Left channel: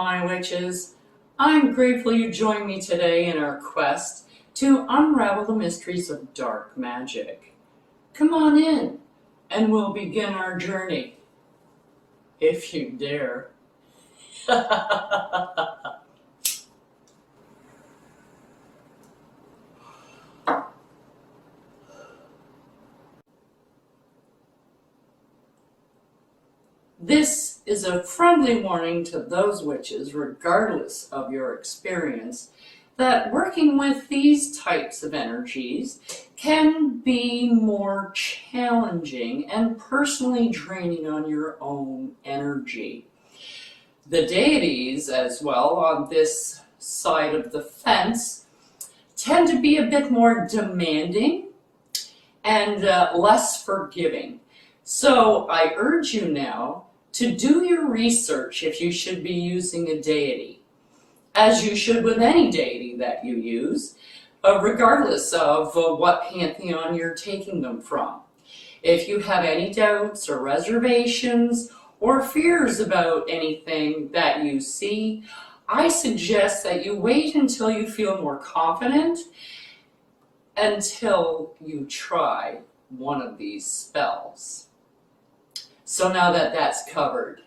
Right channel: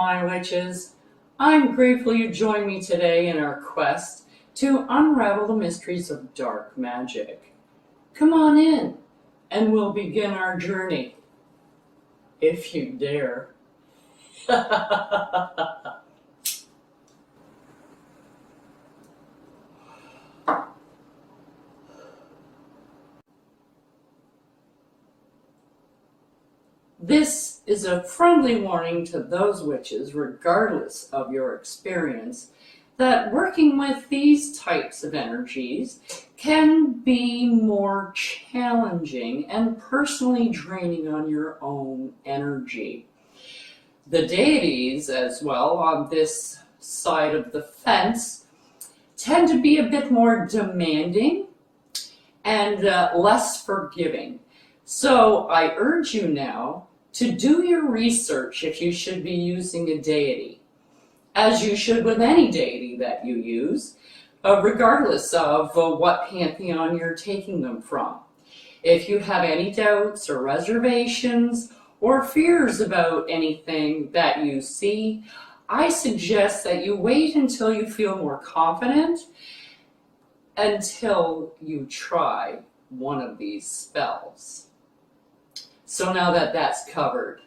my witches. I'm grateful you joined me today in our quest to unravel the mysteries of dark magic. Come on in, and we'll begin our journey, if you dare. This is a friendly warning to those witches, regardless of your experience, that working with these types of energies can be more challenging and personally draining on your own energy. The deities, as well, on this side of the fence, tend to be a bit more demanding and less forgiving. So I urge you now to do your research if you should be using a deity, as you should with any deity that you use, regardless of what pantheon you're taking them from. If you have any doubts or reservations or fears about anything that you see, I suggest that you wait until you feel more confident until you try one of these spells. So now that that's covered,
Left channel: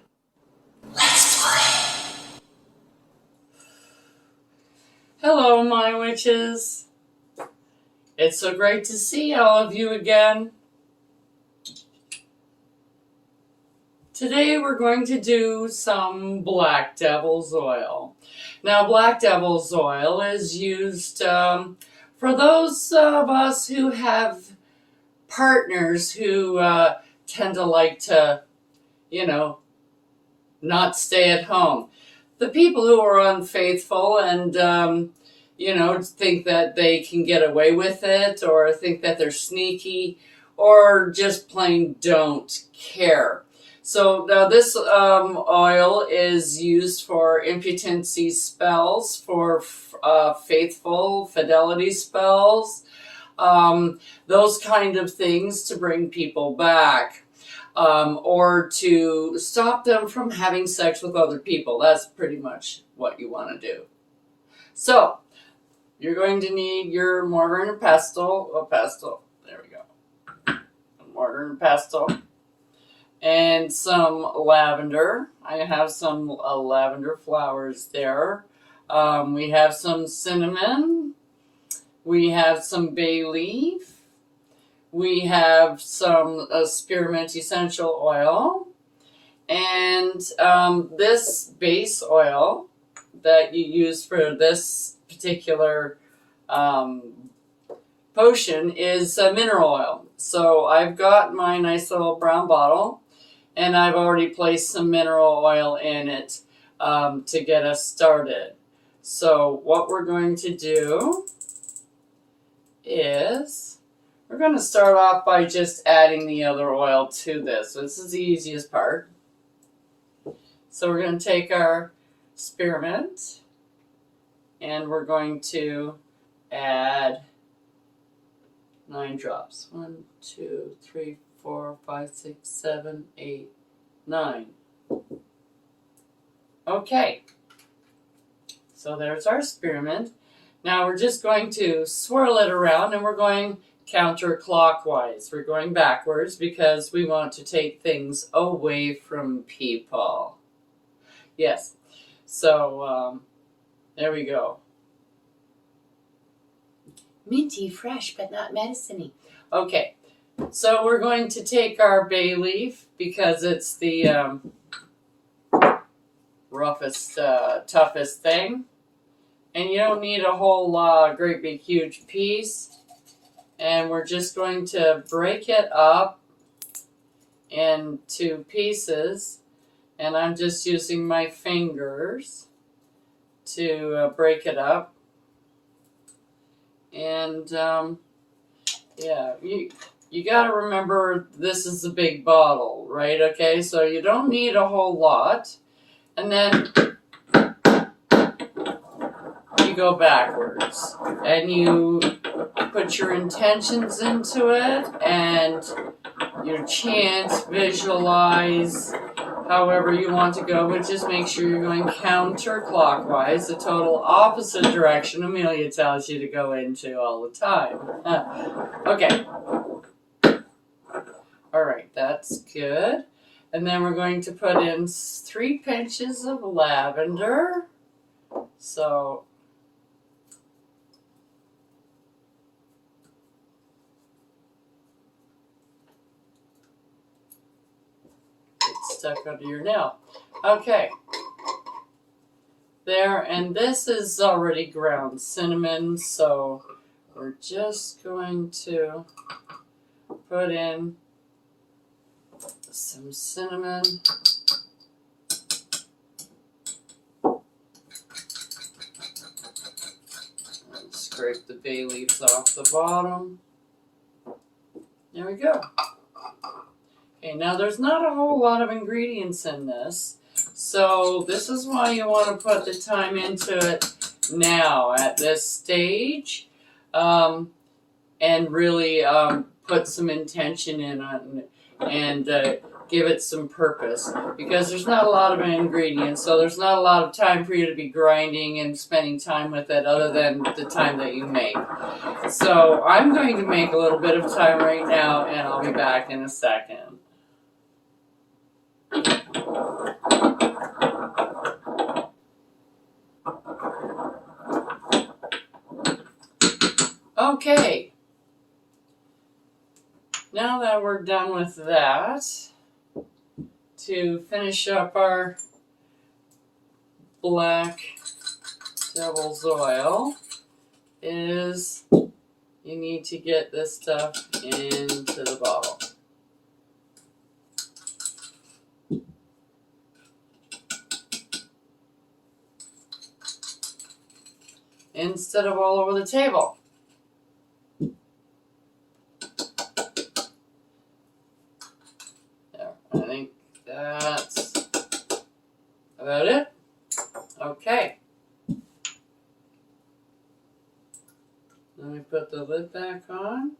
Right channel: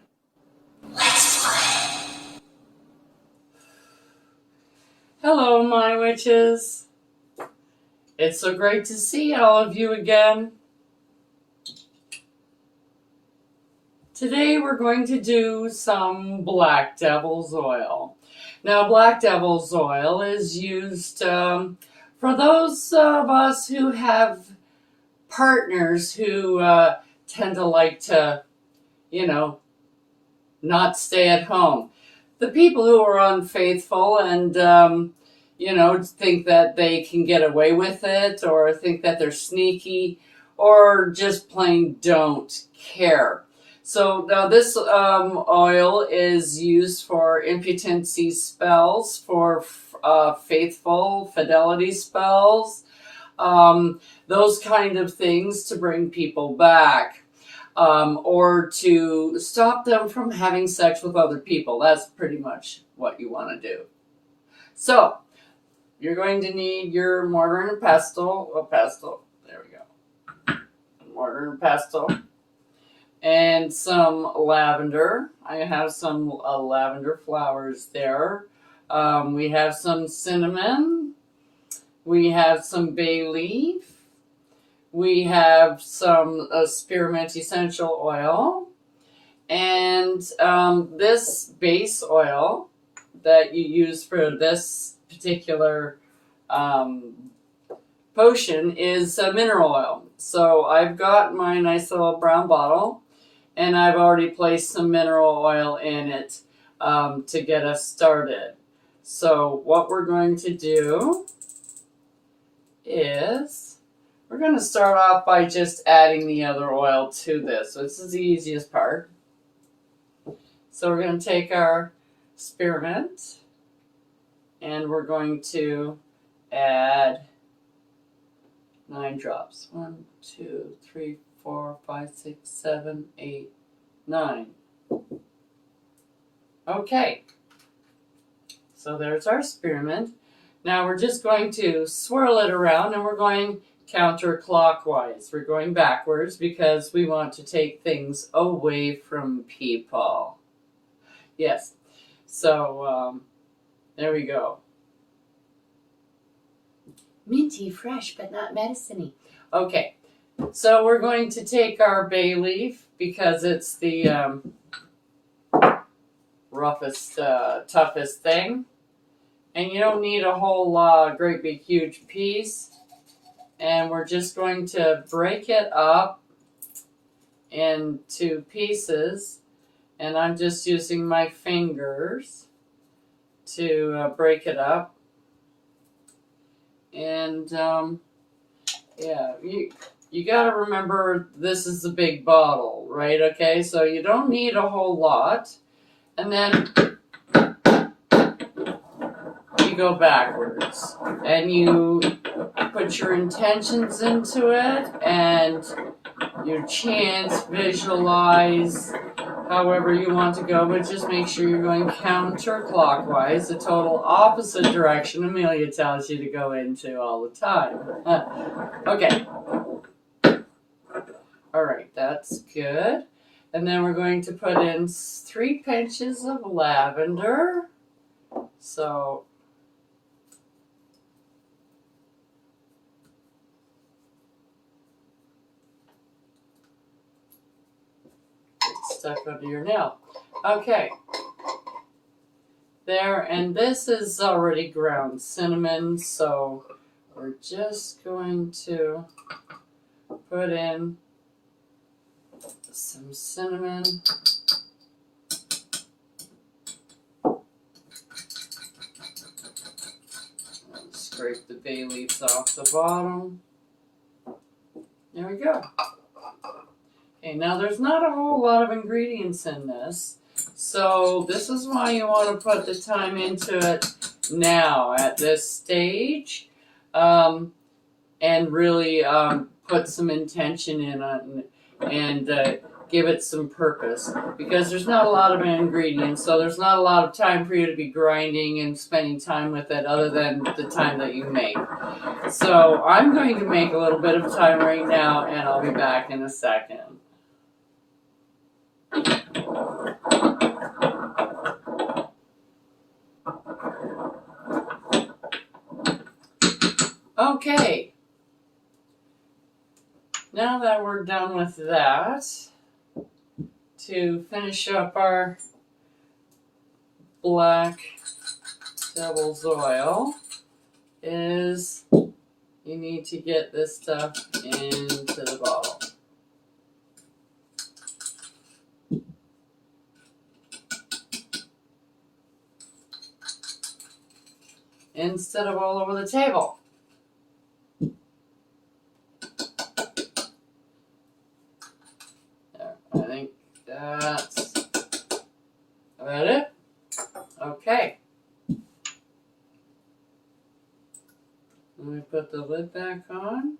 let's play. Hello, my witches. It's so great to see all of you again. Today we're going to do some Black Devil's Oil. Now, Black Devil's Oil is used for those of us who have partners who tend to like to, not stay at home. The people who are unfaithful and, think that they can get away with it, or think that they're sneaky, or just plain don't care. So now this oil is used for impotency spells, for faithful fidelity spells, those kind of things to bring people back, or to stop them from having sex with other people. That's pretty much what you want to do. So you're going to need your mortar and pestle, there we go, mortar and pestle, and some lavender. I have some lavender flowers there. We have some cinnamon. We have some bay leaf. We have some spearmint essential oil. And this base oil that you use for this particular potion is mineral oil. So I've got my nice little brown bottle, and I've already placed some mineral oil in it to get us started. So what we're going to do is we're going to start off by just adding the other oil to this. So this is the easiest part. So we're going to take our spearmint and we're going to add 9 drops. 1, 2, 3, 4, 5, 6, 7, 8, 9. Okay. So there's our spearmint. Now we're just going to swirl it around, and we're going counterclockwise. We're going backwards because we want to take things away from people. Yes. So there we go. Minty, fresh, but not medicine-y. Okay. So we're going to take our bay leaf because it's the roughest, toughest thing. And you don't need a whole great big huge piece. And we're just going to break it up into pieces. And I'm just using my fingers to break it up. And yeah, you got to remember this is a big bottle, right? Okay, so you don't need a whole lot. And then you go backwards and you put your intentions into it and you chant, visualize, however you want to go, but just make sure you're going counterclockwise, the total opposite direction Amelia tells you to go into all the time. Okay. Alright, that's good. And then we're going to put in 3 pinches of lavender. So it's stuck under your nail. Okay. There, and this is already ground cinnamon, so we're just going to put in some cinnamon. Scrape the bay leaves off the bottom. There we go. Okay, now there's not a whole lot of ingredients in this, so this is why you want to put the time into it now at this stage, and really put some intention in on and give it some purpose, because there's not a lot of ingredients, so there's not a lot of time for you to be grinding and spending time with it other than the time that you make. So I'm going to make a little bit of time right now, and I'll be back in a second. Okay, now that we're done with that, to finish up our black devil's oil is you need to get this stuff into the bottle. Instead of all over the table. There, I think that's about it. Okay. Then we put the lid back on.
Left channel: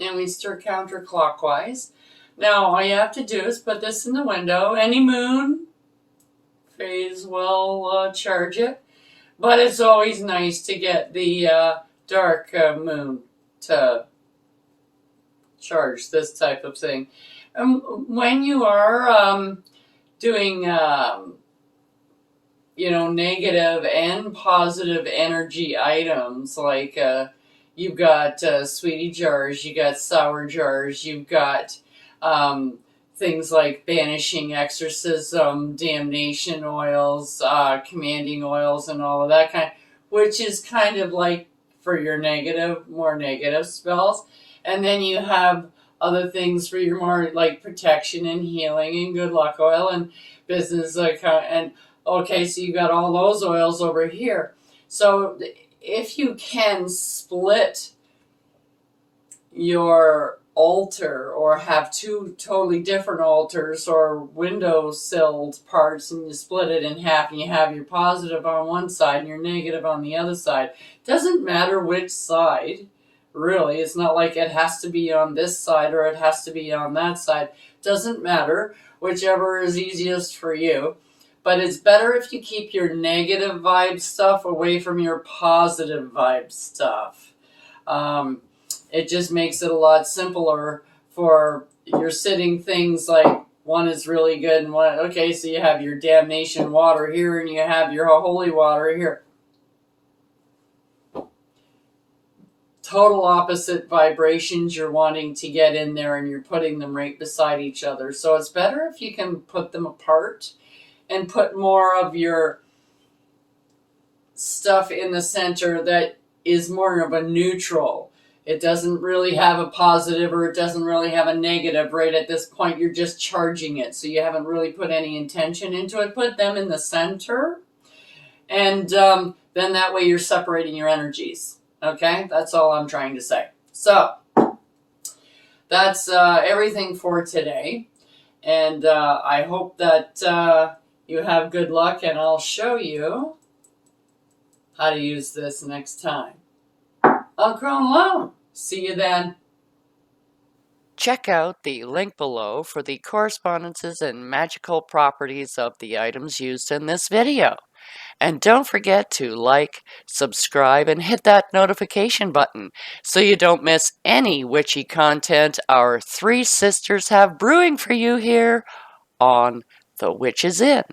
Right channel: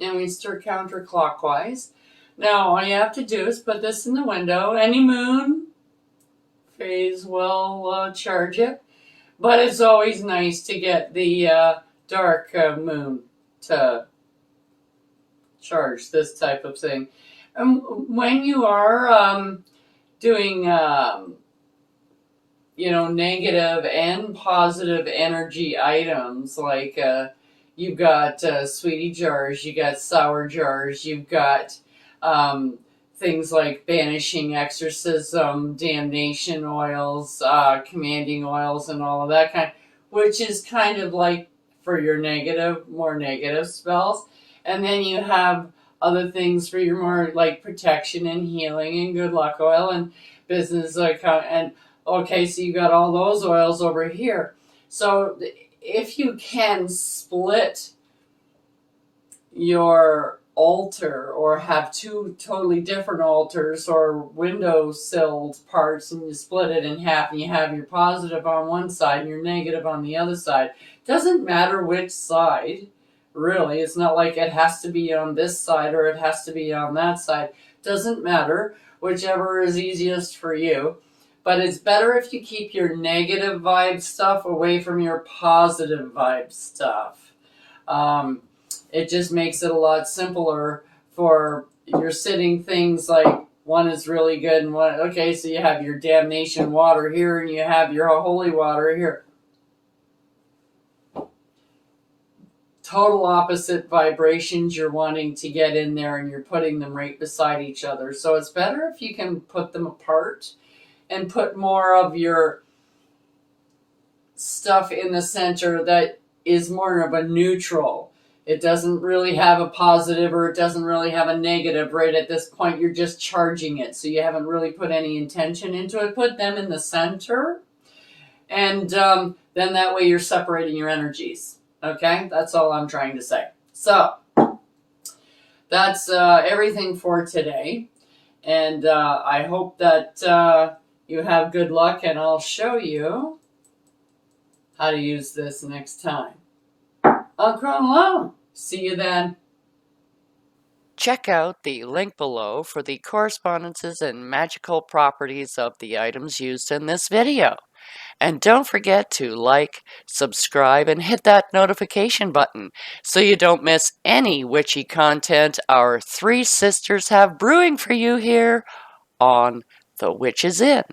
And we stir counterclockwise. Now all you have to do is put this in the window. Any moon phase will charge it. But it's always nice to get the dark moon to charge this type of thing. When you are doing, negative and positive energy items, like you've got sweetie jars, you got sour jars, you've got things like banishing, exorcism, damnation oils, commanding oils, and all of that kind, which is kind of like for your more negative spells. And then you have other things for your more like protection and healing and good luck oil and business account. And okay, so you got all those oils over here. So if you can split your altar or have 2 totally different altars or window-silled parts, and you split it in half and you have your positive on one side and your negative on the other side. Doesn't matter which side, really. It's not like it has to be on this side or it has to be on that side. Doesn't matter. Whichever is easiest for you. But it's better if you keep your negative vibe stuff away from your positive vibe stuff. It just makes it a lot simpler for your sitting things, like one is really good and one, okay, so you have your damnation water here and you have your holy water here. Total opposite vibrations you're wanting to get in there, and you're putting them right beside each other. So it's better if you can put them apart and put more of your stuff in the center that is more of a neutral. It doesn't really have a positive or it doesn't really have a negative right at this point. You're just charging it, so you haven't really put any intention into it. Put them in the center, and then that way you're separating your energies. Okay, that's all I'm trying to say. So that's everything for today, and I hope that you have good luck, and I'll show you how to use this next time. I'll grow alone. See you then. Check out the link below for the correspondences and magical properties of the items used in this video. And don't forget to like, subscribe, and hit that notification button so you don't miss any witchy content our three sisters have brewing for you here on The Witches Inn.